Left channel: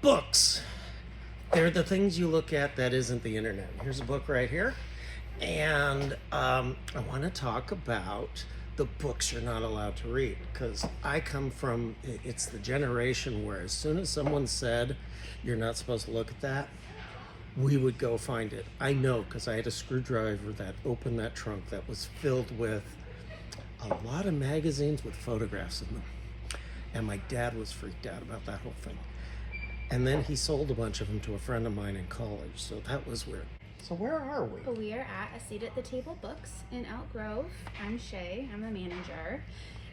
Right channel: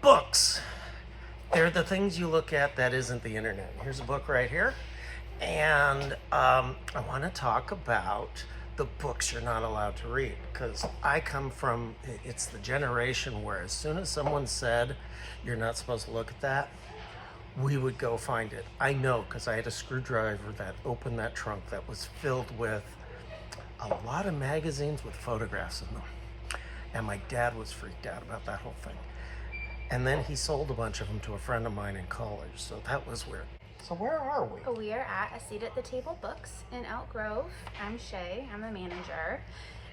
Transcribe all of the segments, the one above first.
Books. They're the things you look at that isn't the internet. Here's a book right here. And I want to talk about the books you're not allowed to read, because I come from, it's the generation where as soon as someone said you're not supposed to look at that, we would go find it. I know, because I had a screwdriver that opened that trunk that was filled with a lot of magazines with photographs in them. And my dad was freaked out about that whole thing. And then he sold a bunch of them to a friend of mine in college, so that was weird. So where are we? We are at A Seat at the Table Books in Elk Grove. I'm Shae, I'm the manager.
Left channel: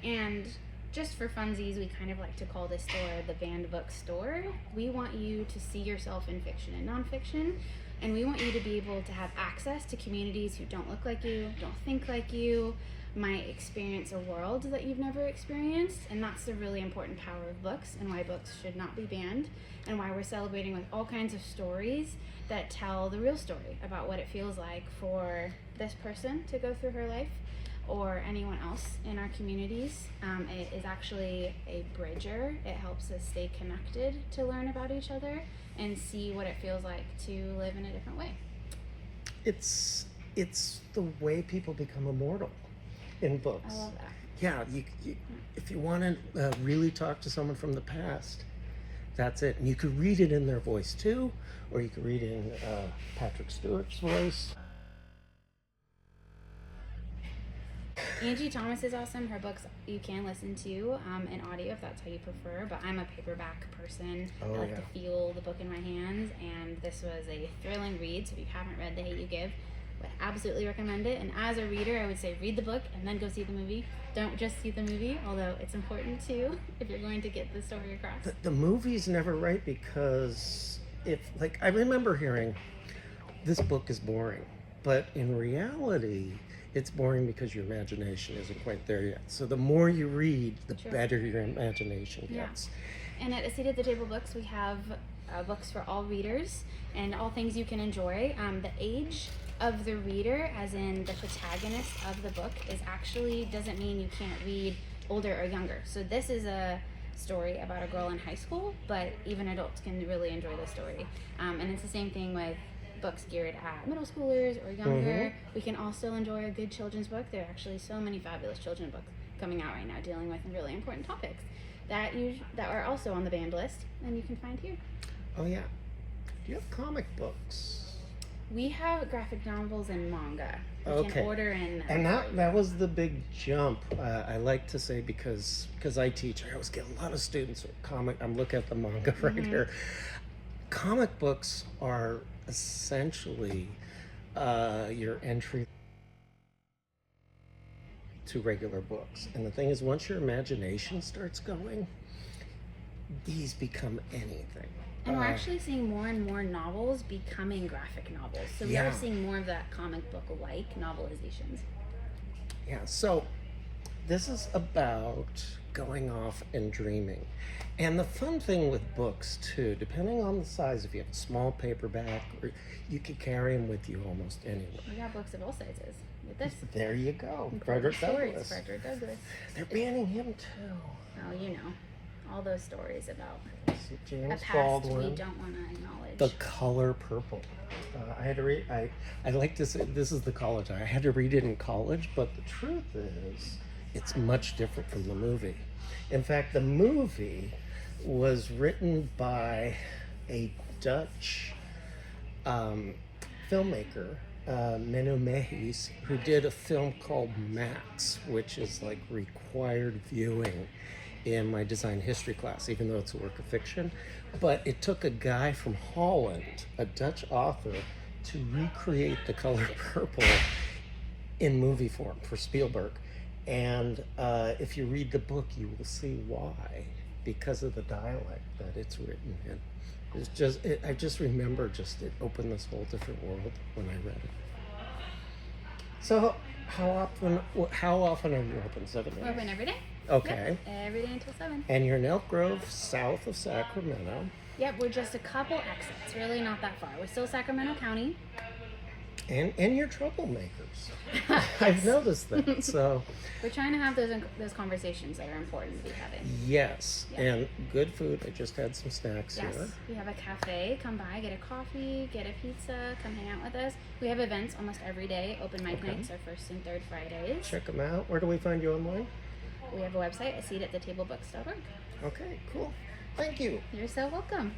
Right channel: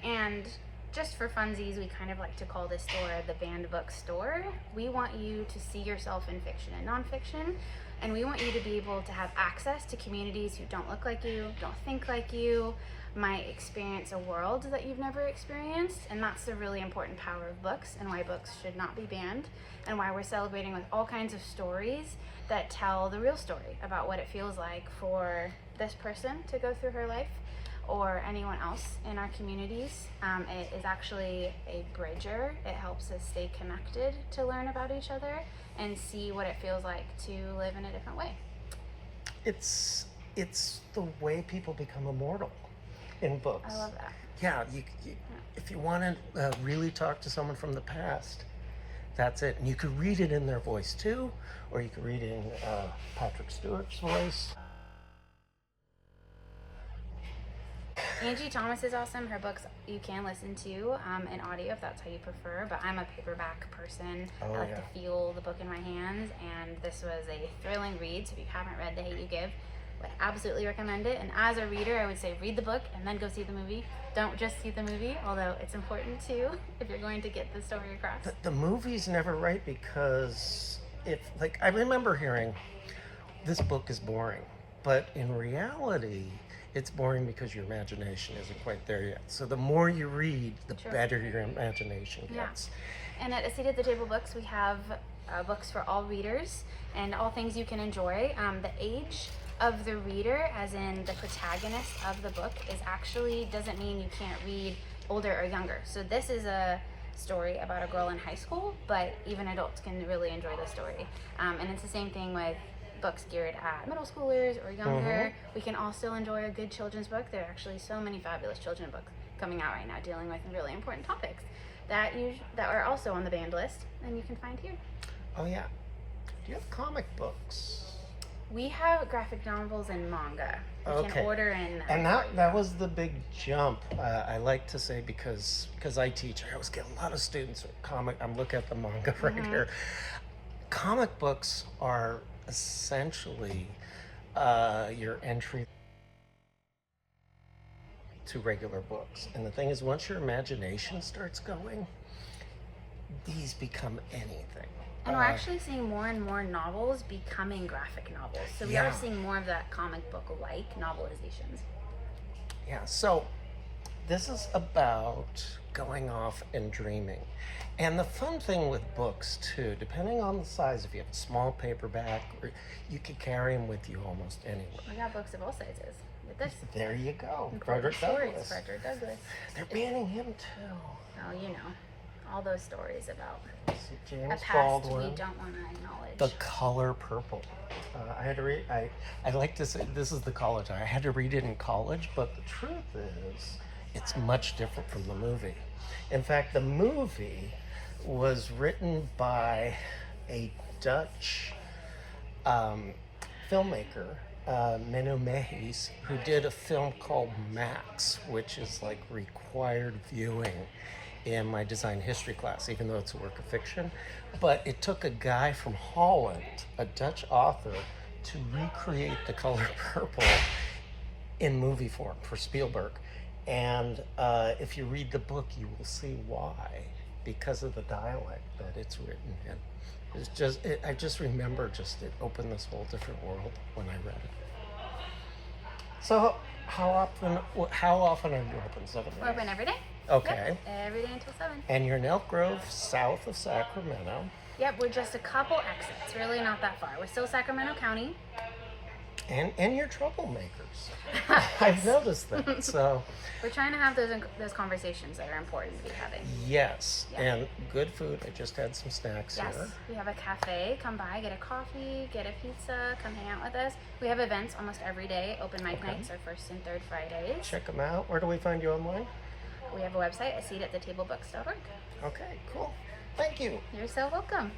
And just for funsies, we kind of like to call this store the banned book store. We want you to see yourself in fiction and nonfiction, and we want you to be able to have access to communities who don't look like you, don't think like you, might experience a world that you've never experienced. And that's the really important power of books, and why books should not be banned, and why we're celebrating with all kinds of stories that tell the real story about what it feels like for this person to go through her life, or anyone else in our communities. It is actually a bridger. It helps us stay connected to learn about each other and see what it feels like to live in a different way. It's the way people become immortal in books. I love that. Yeah, if you want to really talk to someone from the past, that's it. And you could read it in their voice too, or you could read it in Patrick Stewart's voice. Angie Thomas is awesome. Her books you can listen to in audio if that's how you prefer, but I'm a paperback person. Oh, I like yeah. to feel the book in my hands, and this was a thrilling read, so if you haven't read The Hate You Give, I would absolutely recommend it. And as a reader, I would say read the book and then go see the movie. Don't just see the movie, although it's important too if you're going to get the story across. The movie's never right, because I remember hearing this book is boring, but in reality it's boring because your imagination isn't quite there yet. So the more you read, the better your imagination gets. Yeah. And at A Seat at the Table Books, we have books for all readers and all things you can enjoy. The age of the reader, as in the protagonist of the book, doesn't mean you can't read older or younger. So this is a story about a girl in high school, but even adults can really enjoy the story. And it's the same thing with books geared at middle schoolers or younger. We can all still enjoy a good children's book. There are actually so many fabulous children's books coming out right now dealing with really important topics that are also on the banned list, and you can find here. Oh yeah. Do you have comic books? We have graphic novels and manga. You Okay. can order in. And that was the big jump. I like to say, because I teach, I always get a lot of students with comic. I'm looking at the manga right here. Comic books are essentially your entry to regular books. And the thing is, once your imagination starts going, these become anything. And we're actually seeing more and more novels becoming graphic novels. So we are seeing more of that comic book-like novelizations. Yeah, so this is about going off and dreaming. And the fun thing with books too, depending on the size, if you have a small paperback, or you could carry them with you almost anywhere. We got books of all sizes with this. There you go. Frederick Douglass. Frederick Douglass. They're banning him too. Oh, you know, all those stories about James a past Baldwin. we don't want to acknowledge. The Color Purple. I had to read. I like to say this is the college. I had to read it in college, but the truth is, it's much different from the movie. In fact, the movie was written by a Dutch filmmaker, Menno Mehis, who did a film called Max, which is like required viewing in my design history class, even though it's a work of fiction. But it took a guy from Holland, a Dutch author, to recreate The Color Purple in movie form for Spielberg. And if you read the book, you will see why, because of the dialect that it's written in. It's just, I just remember it opened this whole different world when I read it. So how often are you open? 7 days? We're open every day. Okay. Yep, every day until 7. And you're in Elk Grove, south of Sacramento. Yep, we're just a couple exits, really not that far. We're still Sacramento County. And you're troublemakers. I've noticed that. So We're trying to have those conversations that are important to be having. yes, Yeah. and good food. I just had some snacks Yes, here. we have a cafe. Come by, get a coffee, get a pizza, come hang out with us. We have events almost every day. Open mic Okay. nights are first and third Fridays. Check them out. Where do we find you online? We have a website, a seat at the tablebooks.org. Okay, cool. Thank you. You're so welcome.